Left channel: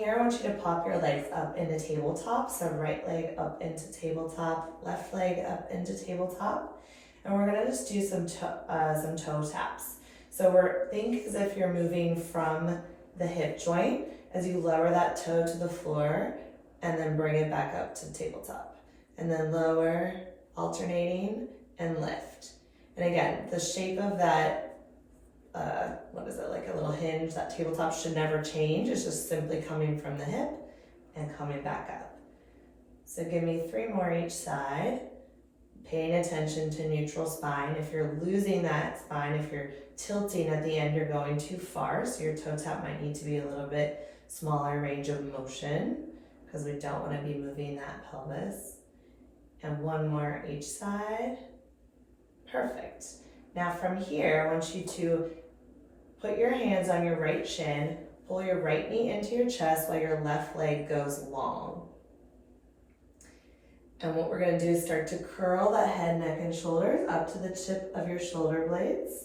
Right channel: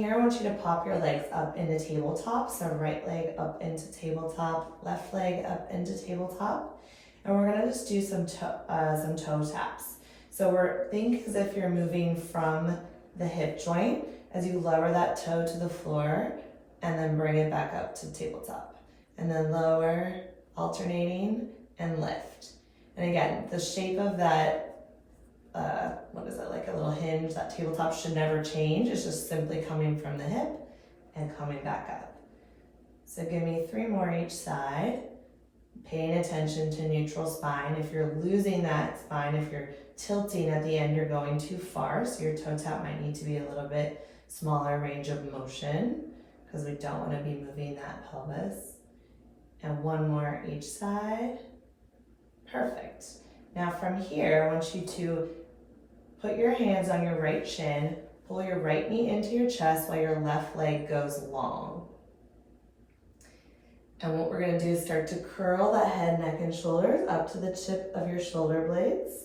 here, I want you to pop your legs up into tabletop. So right leg up into tabletop, left leg up into tabletop. And we're gonna just do some toe taps. So think as if you're moving from the hip joint as you lower that toe to the floor and then bring it back up to tabletop. And then lower, alternating, and lift. And again, the shape of that, like a little hinge, that tabletop should never change. It's just simply coming from the hip and coming back up. So give me 3 more each side. Paying attention to neutral spine. If you're losing that spine, if you're tilting at the end, you're going too far. So your toe tap might need to be a little bit smaller range of motion because we don't want to be moving that pelvis. And 1 more each side. Perfect. Now from here, I want you to put your hands on your right shin, pull your right knee into your chest while your left leg goes long. And what we're gonna do is start to curl that head, neck, and shoulders up to the tip of your shoulder blades.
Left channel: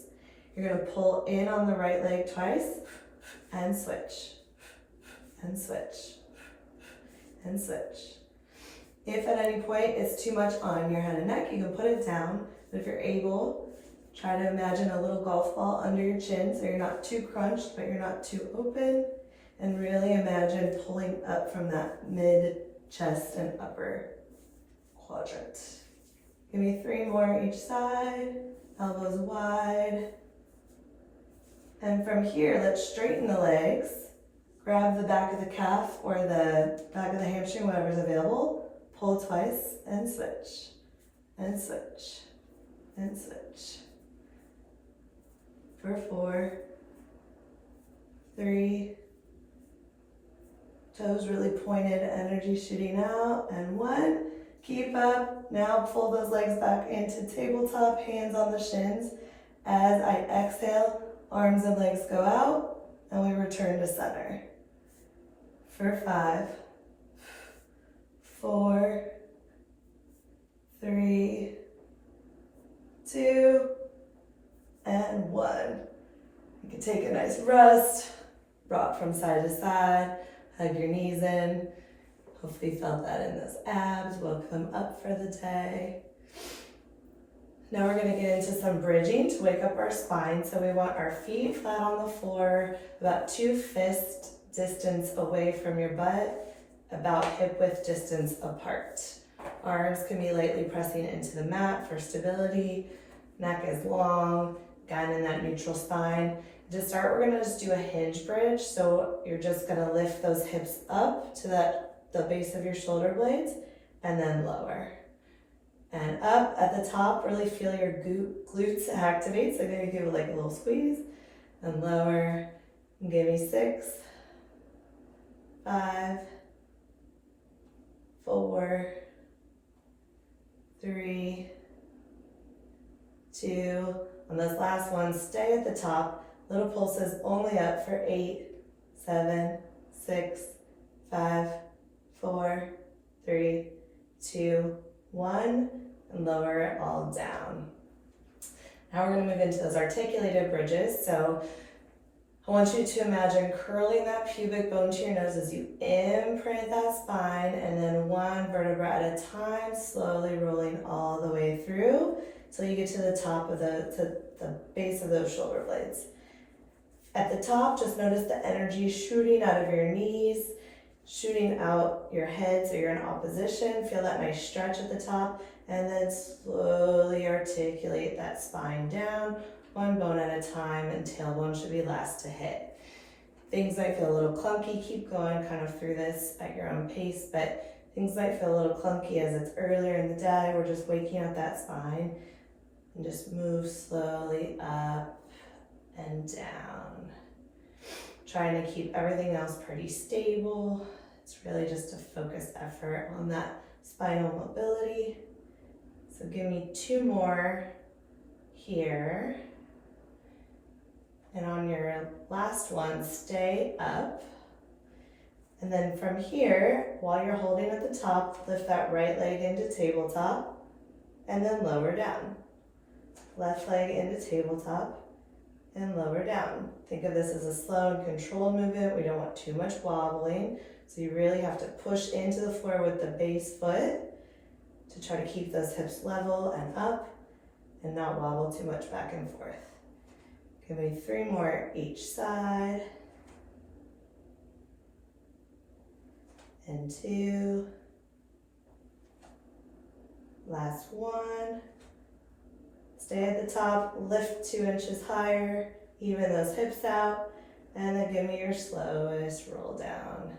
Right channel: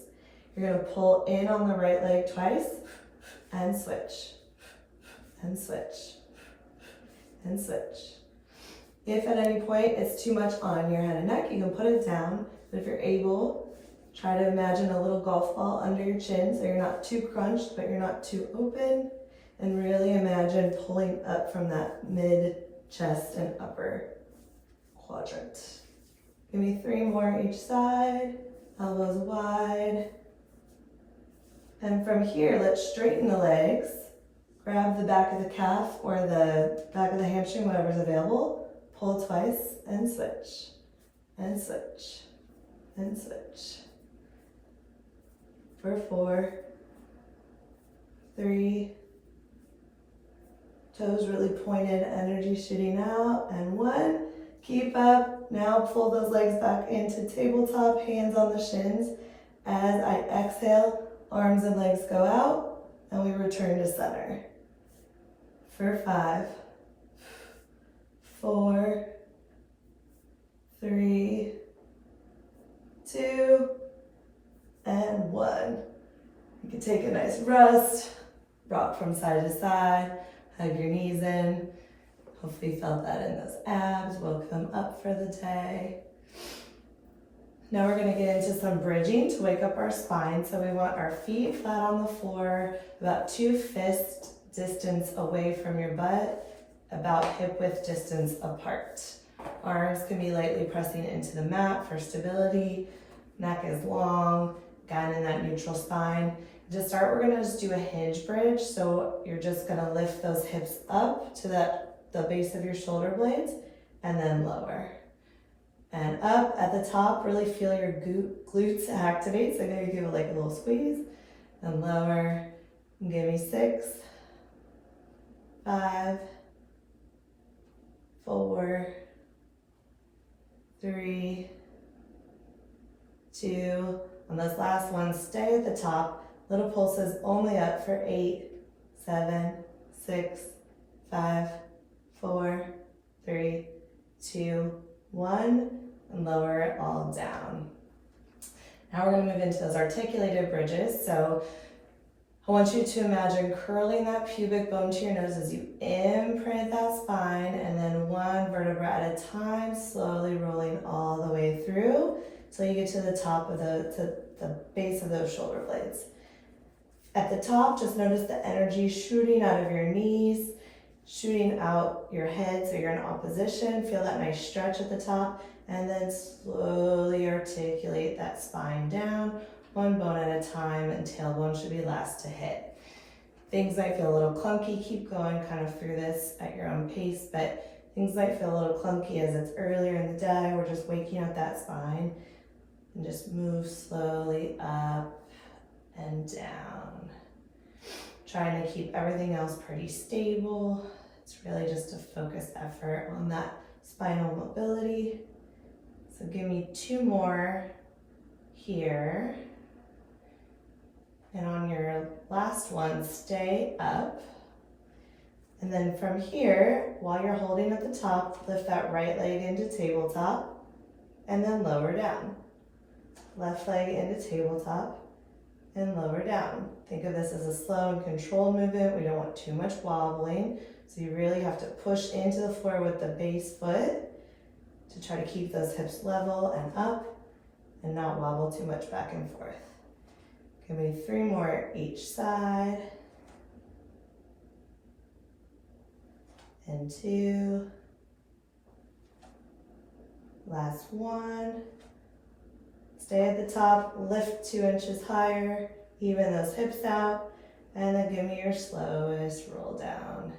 You're gonna pull in on the right leg twice and switch, and switch, and switch. If at any point it's too much on your head and neck, you can put it down. But if you're able, try to imagine a little golf ball under your chin so you're not too crunched, but you're not too open. And really imagine pulling up from that mid chest and upper quadrant. Give me 3 more each side, elbows wide. And from here, let's straighten the legs. Grab the back of the calf or the back of the hamstring, whatever's available. Pull twice and switch, and switch, and switch. For 4, 3, toes really pointed, energy shooting out, and 1. Keep up. Now pull those legs back into tabletop, hands on the shins. As I exhale, arms and legs go out, and we return to center. For 5, 4, 3, 2, and 1. You can take a nice rest, rock from side to side, hug your knees in. Hopefully you felt that in those abs, woke them up for the day. Now we're gonna get into some bridging to wake up our spine. So we want our feet flat on the floor, about 2 fist distance away from your butt, about hip width distance apart. Arms can be lightly pressing into the mat for stability. Neck is long, again in that neutral spine. To start, we're gonna just do a hinge bridge. So you're just gonna lift those hips up to the base of your shoulder blades and then lower. And up at the top, really feel your glutes activate. So maybe give it like a little squeeze and lower. And give me 6, 5, 4, 3, 2. On those last ones, stay at the top. Little pulses only up for 8, 7, 6, 5, 4, 3, 2, 1, and lower it all down. Now we're going to move into those articulated bridges. So I want you to imagine curling that pubic bone to your nose as you imprint that spine, and then 1 vertebra at a time, slowly rolling all the way through till you get to the top of the base of those shoulder blades. At the top, just notice the energy shooting out of your knees, shooting out your head so you're in opposition. Feel that nice stretch at the top, and then slowly articulate that spine down, 1 bone at a time, and tailbone should be last to hit. Things might feel a little clunky. Keep going kind of through this at your own pace, but things might feel a little clunky as it's earlier in the day. We're just waking up that spine, and just move slowly up and down. Trying to keep everything else pretty stable. It's really just a focused effort on that spinal mobility. So give me 2 more here. And on your last one, stay up. And then from here, while you're holding at the top, lift that right leg into tabletop and then lower down. Left leg into tabletop and lower down. Think of this as a slow and controlled movement. We don't want too much wobbling. So you really have to push into the floor with the base foot to try to keep those hips level and up and not wobble too much back and forth. Give me 3 more each side. And 2. Last 1. Stay at the top, lift 2 inches higher, even those hips out, and then give me your slowest roll down.